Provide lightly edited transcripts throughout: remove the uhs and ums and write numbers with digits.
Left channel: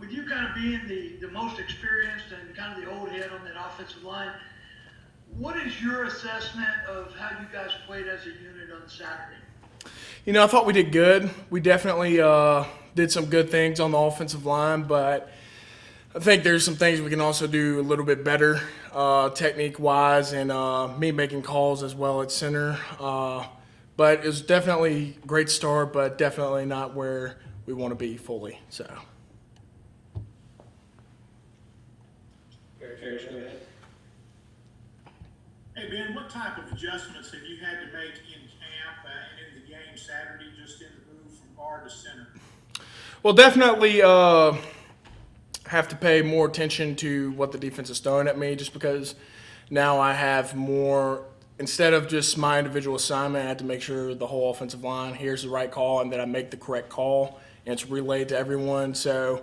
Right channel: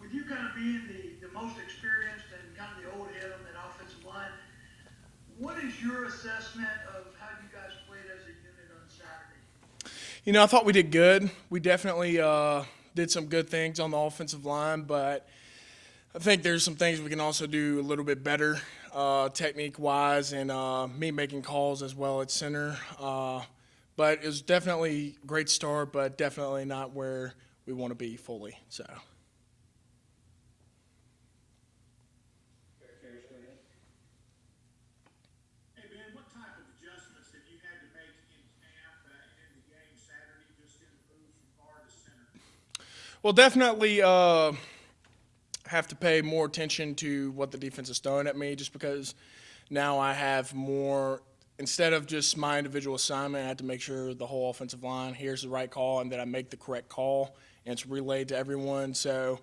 with you kind of being the most experienced and kind of the old head on that offensive line, what is your assessment of how you guys played as a unit on Saturday? I thought we did good. We definitely did some good things on the offensive line, but I think there's some things we can also do a little bit better, technique-wise, and me making calls as well at center. But it was definitely a great start, but definitely not where we want to be fully. So. Hey, Ben, what type of adjustments have you had to make in camp and in the game Saturday, just in the move from guard to center? Well, definitely have to pay more attention to what the defense is throwing at me, just because now I have more. Instead of just my individual assignment, I have to make sure the whole offensive line hears the right call and that I make the correct call, and it's relayed to everyone. So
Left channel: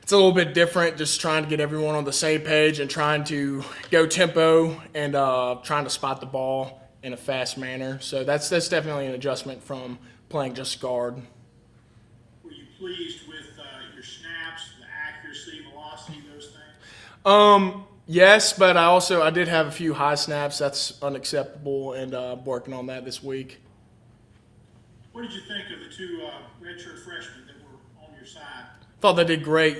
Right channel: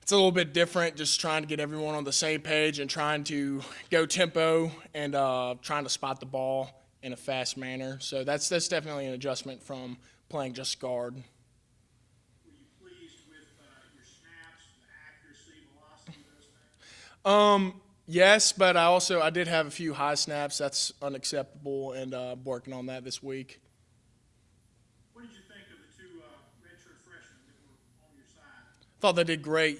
it's a little bit different, just trying to get everyone on the same page and trying to go tempo and trying to spot the ball in a fast manner. So that's definitely an adjustment from playing just guard. Were you pleased with your snaps, the accuracy, velocity, those things? Yes, but I did have a few high snaps. That's unacceptable, and working on that this week. What did you think of the two redshirt freshmen that were on your side? Thought they did great.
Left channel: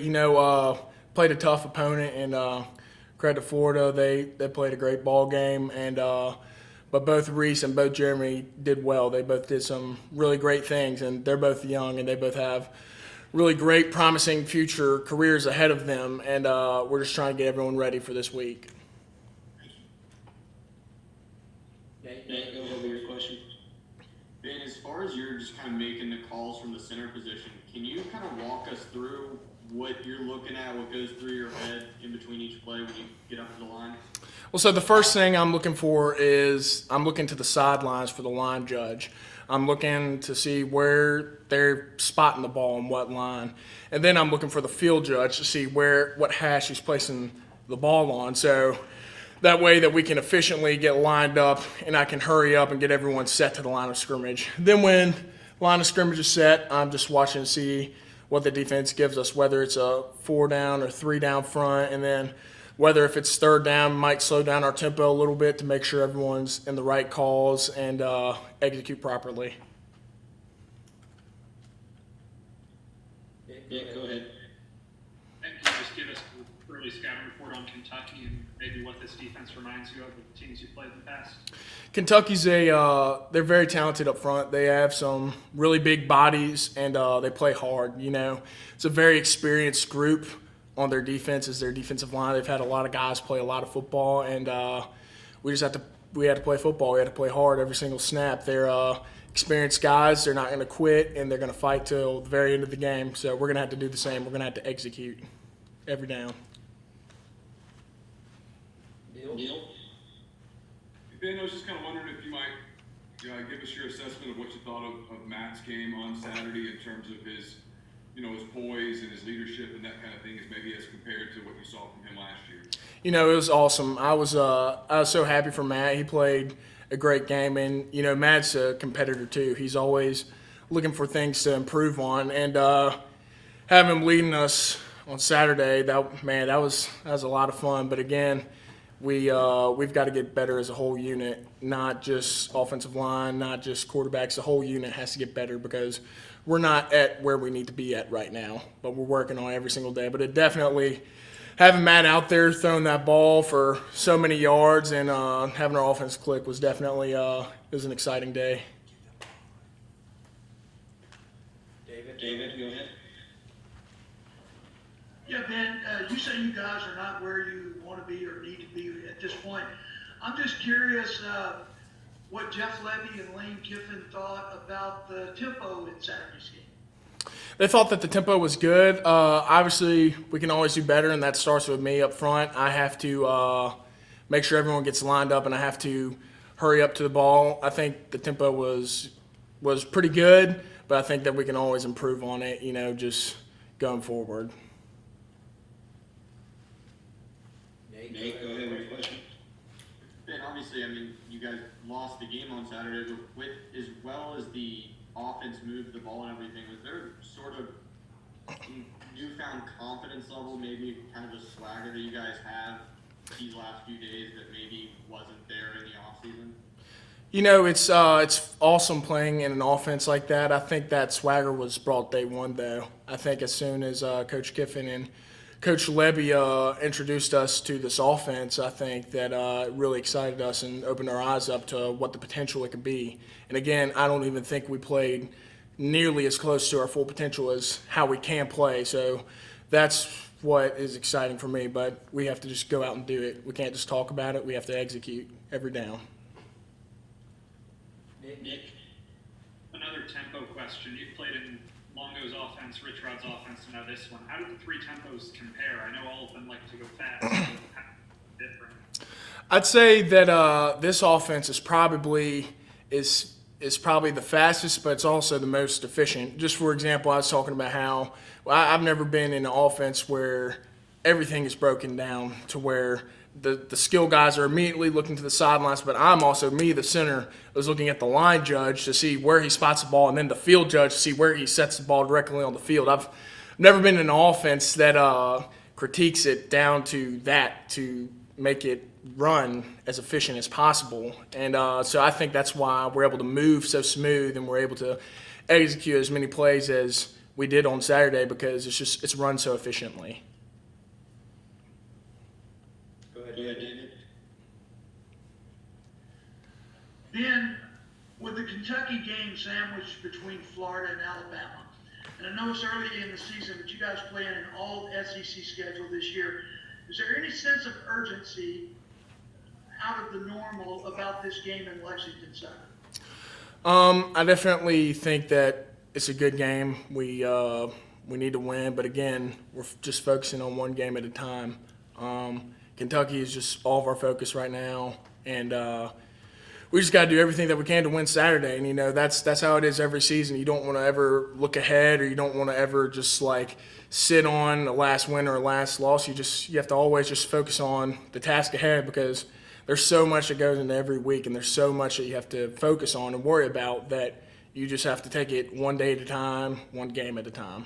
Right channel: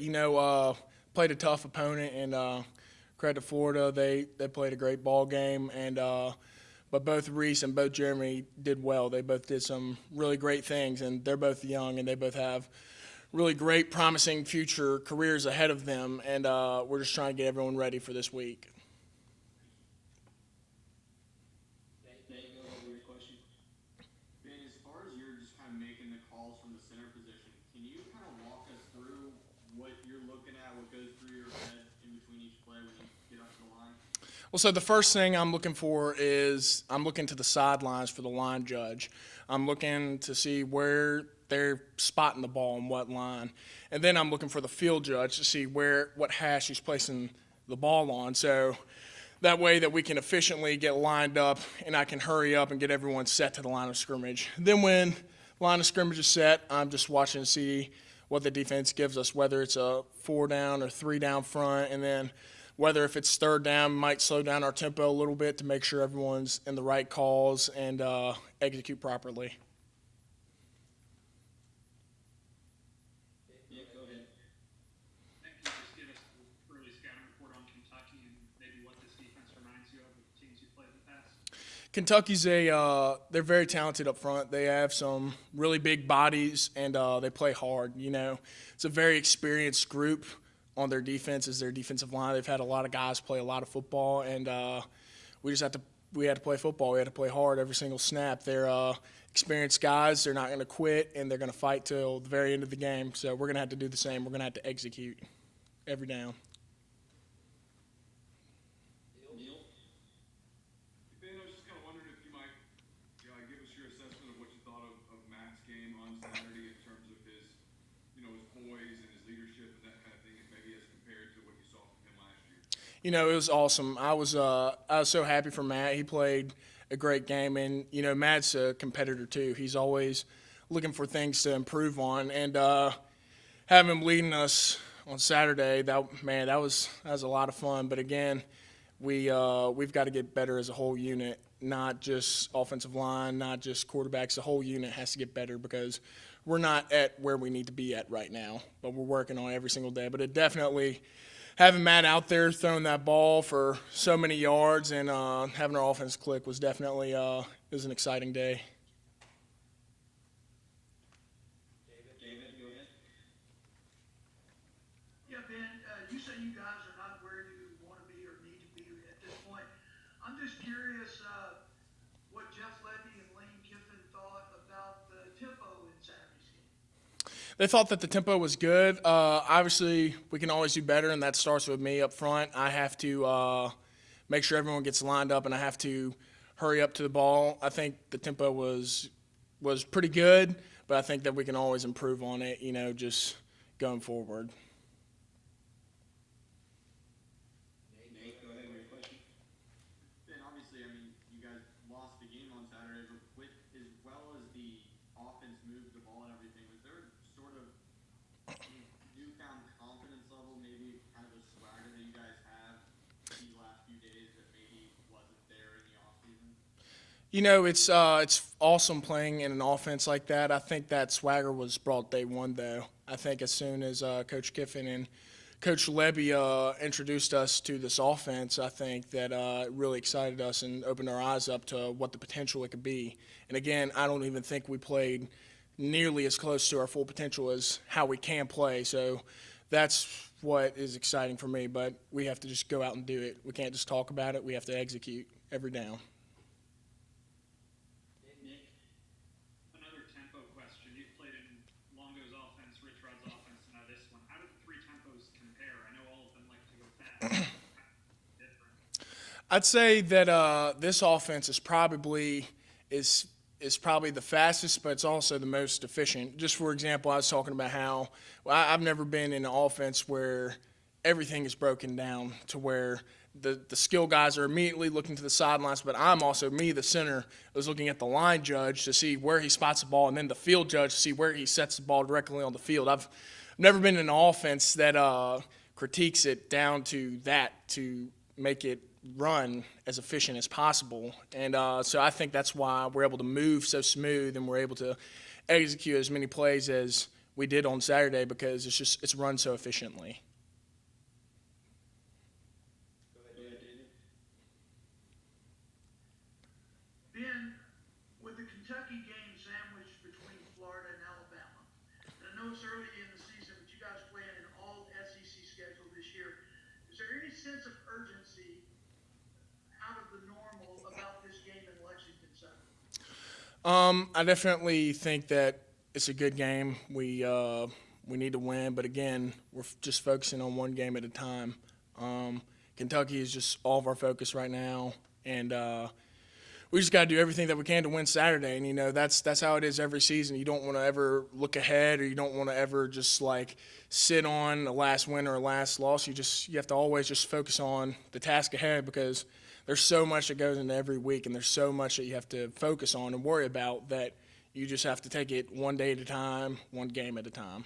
Played a tough opponent, and credit to Florida, they played a great ball game, and but both Reese and both Jeremy did well. They both did some really great things, and they're both young, and they both have really great, promising future careers ahead of them, and we're just trying to get everyone ready for this week. Nate, go ahead with your question. Ben, as far as you're just kind of making the calls from the center position, can you kind of walk us through what you're looking at, what goes through your head in between each play when you get up to the line? Well, so the first thing I'm looking for is I'm looking to the sidelines for the line judge. I'm looking to see where they're spotting the ball and what line. And then I'm looking for the field judge to see what hash he's placing the ball on. So that way that we can efficiently get lined up and I can hurry up and get everyone set to the line of scrimmage. Then when line of scrimmage is set, I'm just watching to see what the defense gives us, whether it's a 4 down or 3 down front, and then whether if it's 3rd down, might slow down our tempo a little bit to make sure everyone's in the right calls and execute properly. Yeah, go ahead. And can you just give us an early scouting report on Kentucky and maybe what this defense reminds you of the teams you played in the past? Kentucky's they're very talented up front. They have some really big bodies and they play hard. It's a very experienced group on their defense as their defensive line. They've had a lot of guys play a lot of football, and we had to play football. We had to play hard every single snap. They're experienced guys. They're not going to quit, and they're going to fight till the very end of the game. So we're going to have to do the same. We're going to have to execute every down. Neil? Ben, I was just kind of wondering if you might give us your assessment of what you thought of Matt's game on Saturday in terms of his poise and his leadership and that kind of thing, maybe as compared to what you saw from him last year. It was awesome. I was so happy for Matt. He played a great game, and Matt's a competitor too. He's always looking for things to improve on, and having him leading us on Saturday, that was a lot of fun. But again, we've got to get better as a whole unit, not just offensive line, not just quarterbacks. The whole unit has to get better because we're not at where we need to be at right now, but we're working on it every single day. But it definitely, having Matt out there throwing that ball for so many yards and having our offense click was definitely it was an exciting day. David, go ahead. Yeah, Ben, you say you guys are not where you want to be or need to be at this point. I'm just curious what Jeff Levy and Lane Kiffin thought about the tempo in Saturday's game. They thought that the tempo was good. Obviously, we can always do better, and that starts with me up front. I have to make sure everyone gets lined up, and I have to hurry up to the ball. I think the tempo was pretty good, but I think that we can always improve on it, just going forward. Nate, go ahead with your question. Ben, obviously, you guys lost the game on Saturday, but with as well as the offense moved the ball and everything, was there sort of newfound level, maybe kind of a swagger that you guys have these last few days that maybe wasn't there in the offseason? You know, it's awesome playing in an offense like that. I think that swagger was brought day one, though. I think as soon as Coach Kiffin and Coach Levy introduced us to this offense, I think that it really excited us and opened our eyes up to what the potential it could be. And again, I don't even think we played nearly as close to our full potential as how we can play. So that's what is exciting for me. But we have to just go out and do it. We can't just talk about it. We have to execute every down. Nick, another tempo question. You've played in Longo's offense, Rich Rod's offense, and now this one. How do the three tempos compare? I know all of them like to go fast. How different? I'd say that this offense is probably the fastest, but it's also the most efficient. Just for example, I was talking about how I've never been in an offense where everything is broken down to where the skill guys are immediately looking to the sidelines, but I'm also, the center, was looking at the line judge to see where he spots the ball, and then the field judge to see where he sets the ball directly on the field. I've never been in an offense that critiques it down to that to make it run as efficient as possible. And so I think that's why we're able to move so smooth and we're able to execute as many plays as we did on Saturday because it's run so efficiently. Go ahead, David. Ben, with the Kentucky game sandwiched between Florida and Alabama, and I know it's early in the season, but you guys play in an all SEC schedule this year. Is there any sense of urgency out of the normal about this game in Lexington Saturday? I definitely think that it's a good game. We need to win, but again, we're just focusing on one game at a time. Kentucky is just all of our focus right now, and we just got to do everything that we can to win Saturday. And, you know, that's how it is every season. You don't want to ever look ahead or you don't want to ever just, like, sit on a last win or a last loss. You have to always just focus on the task ahead because there's so much that goes into every week and there's so much that you have to focus on and worry about that you just have to take it one day at a time, one game at a time.